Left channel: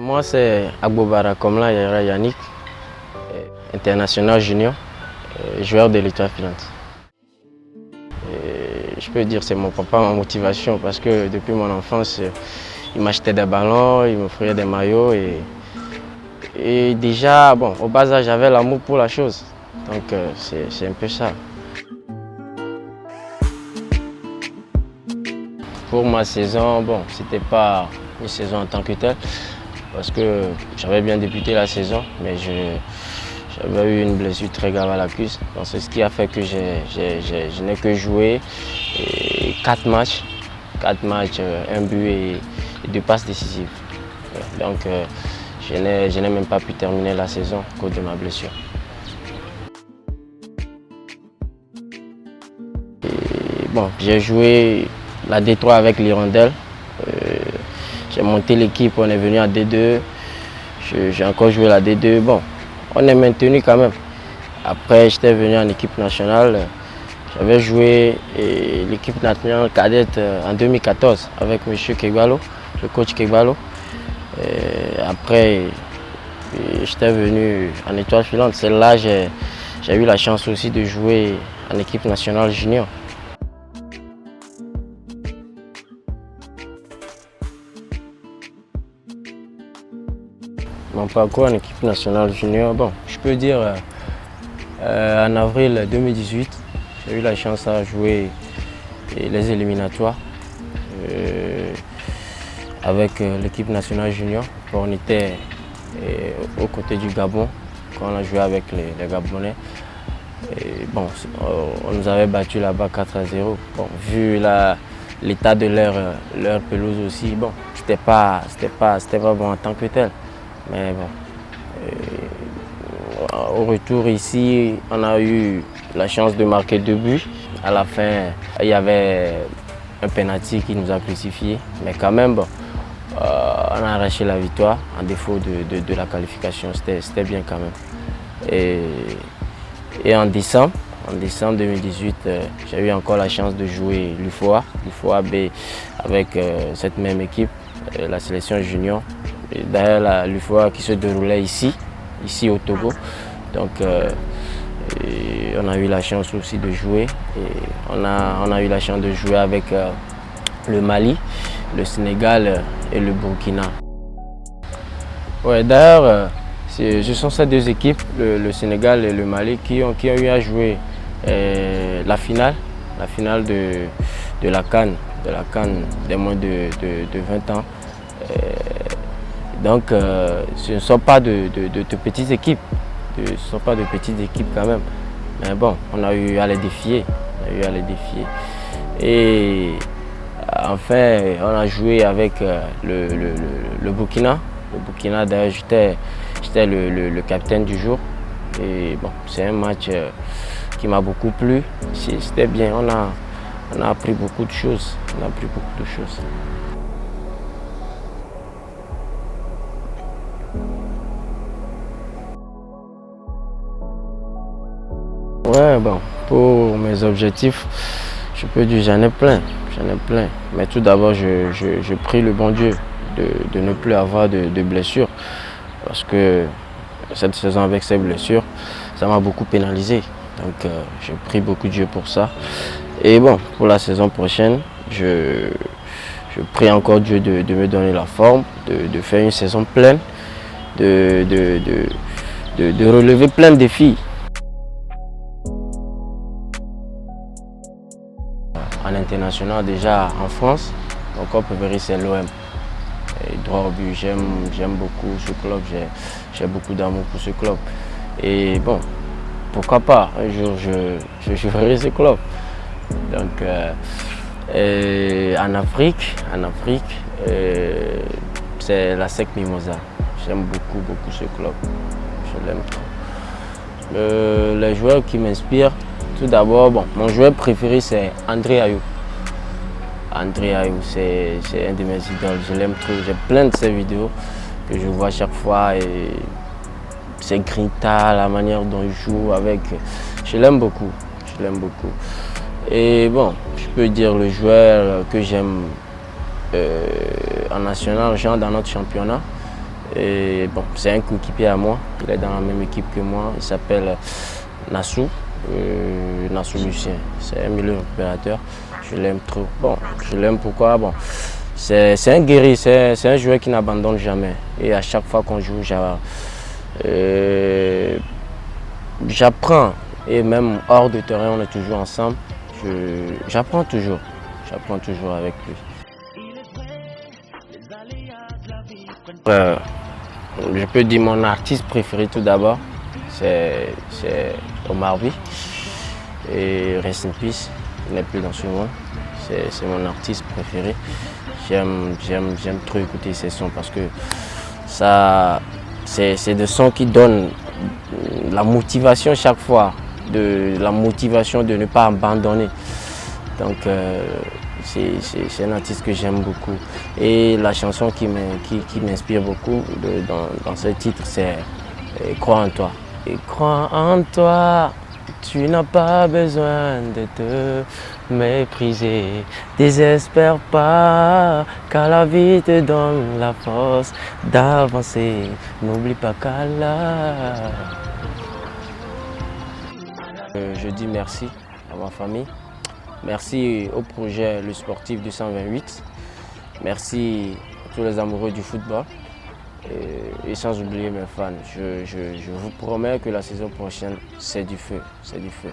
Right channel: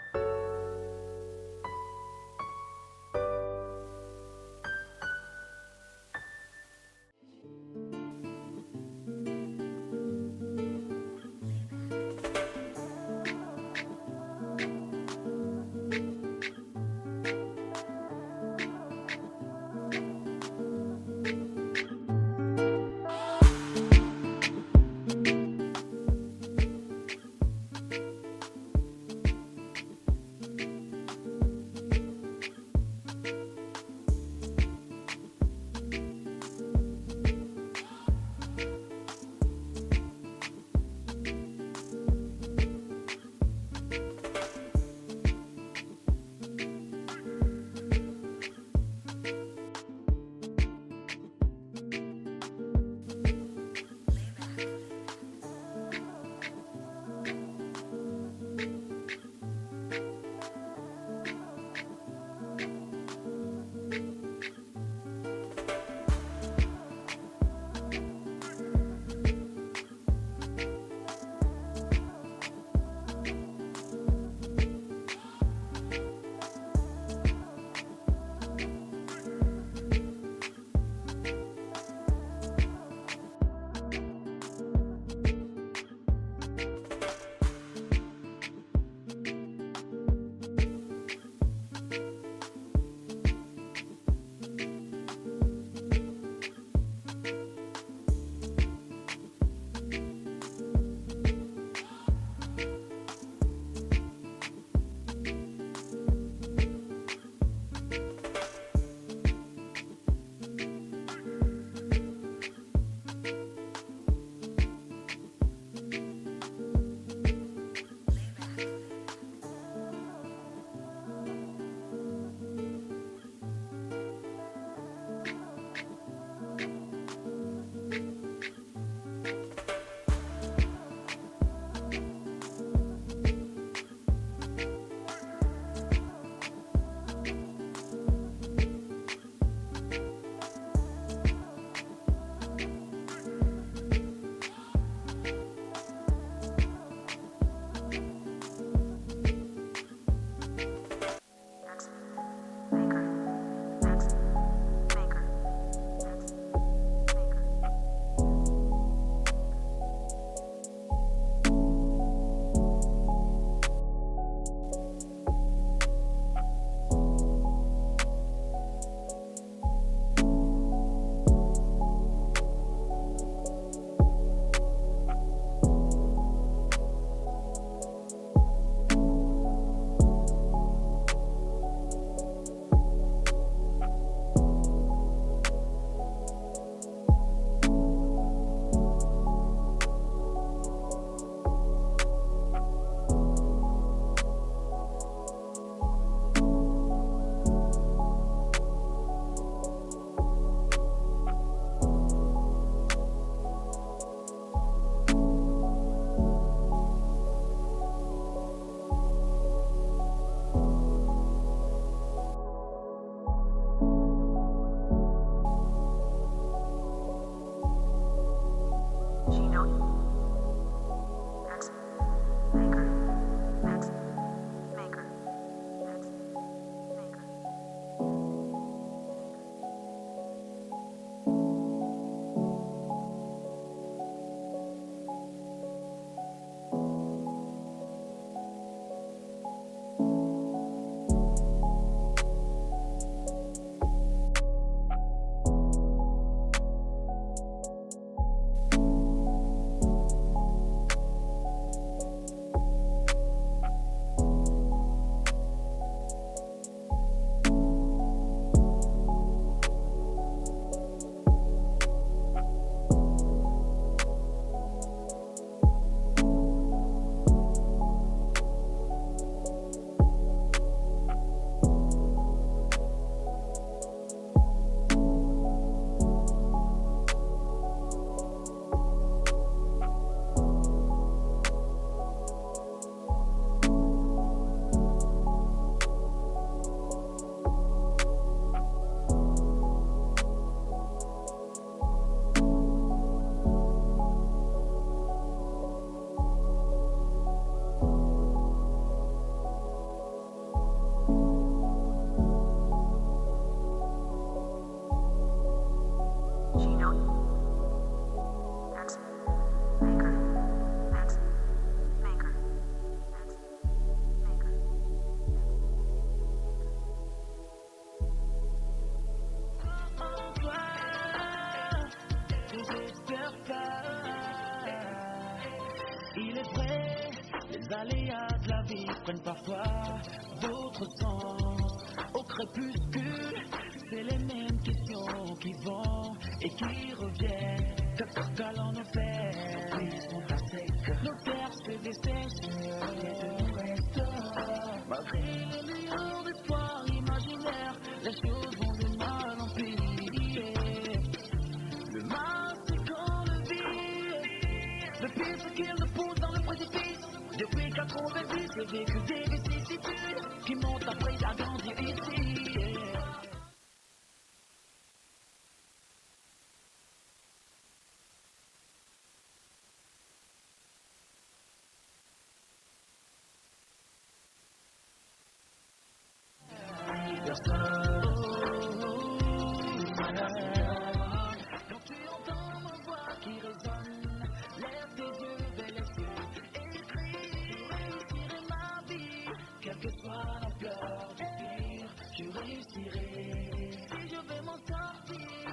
Moi, c'est Agbobara Komla Yara Yannick, international junior, joueur de l'Étoile filante. Je peux dire que c'est mon papa, ma motivation, parce que depuis mon enfance, il m'achetait des ballons, il m'offrait des maillots. Et déjà, bon, au bas âge, j'avais l'amour pour la chose. Donc, c'est un peu ça. Pour ma saison, bon, c'était pas une saison en tant que telle, parce que j'avais bien débuté la saison, mais j'avais eu une blessure très grave à la cuisse. Donc c'est ce qui a fait que je n'ai que joué 4 matchs, un but et 2 passes décisives. Donc je n'ai même pas pu terminer la saison à cause de ma blessure. Bon, j'ai joué la D3 avec l'Hirondelle. J'ai monté l'équipe, on est venu à D2. J'ai encore joué la D2. Bon, on est maintenu quand même. Après, j'étais venu en équipe nationale. J'avais joué l'équipe nationale cadette en 2014 avec M. Kegbalo, le coach Kegbalo. Après, j'étais venu en Étoile filante. C'est là que j'ai eu la chance aussi de jouer en équipe nationale junior. Mon parcours en équipe nationale junior, bon, je peux dire en avril 2018, j'ai eu la chance à jouer les éliminatoires avec l'équipe nationale junior. On était aux côtés du Gabon quand on a joué avec les Gabonais. Et bon, on nous avait battu là-bas 4-0. Bon, vu l'état de leur pelouse aussi, bon, c'était pas bon en tant que tel. Mais bon, au retour ici, on a eu la chance de marquer 2 buts. À la fin, il y avait un penalty qui nous a crucifiés. Mais quand même, bon, on a arraché la victoire en défaut de la qualification. C'était bien quand même. Et en décembre 2018, j'ai eu encore la chance de jouer l'UFOA B avec cette même équipe, la sélection junior. D'ailleurs, l'UFOA qui se déroulait ici au Togo. Donc, on a eu la chance aussi de jouer. Et on a eu la chance de jouer avec le Mali, le Sénégal et le Burkina. Ouais, d'ailleurs, ce sont ces 2 équipes, le Sénégal et le Mali, qui ont eu à jouer la finale de la CAN des moins de 20 ans. Donc, ce ne sont pas de petites équipes. Ce ne sont pas de petites équipes quand même. Mais bon, on a eu à les défier. Et enfin, on a joué avec le Burkina. Le Burkina, d'ailleurs, j'étais le capitaine du jour. Et bon, c'est un match qui m'a beaucoup plu. C'était bien. On a appris beaucoup de choses. Ouais, bon, pour mes objectifs, je peux dire j'en ai plein. Mais tout d'abord, je prie le bon Dieu de ne plus avoir de blessures. Parce que cette saison avec ces blessures, ça m'a beaucoup pénalisé. Donc je prie beaucoup Dieu pour ça. Et bon, pour la saison prochaine, je prie encore Dieu de me donner la forme, de faire une saison pleine, de relever plein de défis. En international, déjà en France, mon club préféré c'est l'OM. Droit au but, j'aime beaucoup ce club, j'ai beaucoup d'amour pour ce club. Et bon, pourquoi pas, un jour je ferai ce club. Donc, en Afrique, c'est la SEC Mimosa. J'aime beaucoup ce club, je l'aime trop. Les joueurs qui m'inspirent, tout d'abord, bon, mon joueur préféré c'est André Ayew. André Ayew, c'est un de mes idoles, je l'aime trop. J'ai plein de ses vidéos que je vois chaque fois et ses grinta, la manière dont il joue avec. Je l'aime beaucoup. Et bon, je peux dire le joueur que j'aime en national, genre dans notre championnat, Et bon, c'est un coéquipier à moi, il est dans la même équipe que moi, il s'appelle Nassou, Nassou Lucien. C'est un milieu récupérateur, je l'aime trop. Bon, je l'aime pourquoi? Bon, c'est un guerrier, c'est un joueur qui n'abandonne jamais. Et à chaque fois qu'on joue, j'apprends. Et même hors de terrain, on est toujours ensemble. J'apprends toujours avec lui. Je peux dire mon artiste préféré tout d'abord, c'est Omar Sy. Et Rest in Peace, il n'est plus dans ce monde. C'est mon artiste préféré. J'aime trop écouter ses sons parce que c'est des sons qui donnent la motivation chaque fois, la motivation de ne pas abandonner. Donc c'est un artiste que j'aime beaucoup. Et la chanson qui m'inspire beaucoup dans ce titre, c'est Crois en toi. Et crois en toi, tu n'as pas besoin de te mépriser. Désespère pas, car la vie te donne la force d'avancer. N'oublie pas qu'Allah. Je dis merci à ma famille. Merci au projet Le Sportif 228. Merci à tous les amoureux du football. Et sans oublier mes fans. Je vous promets que la saison prochaine, c'est du feu. C'est du feu.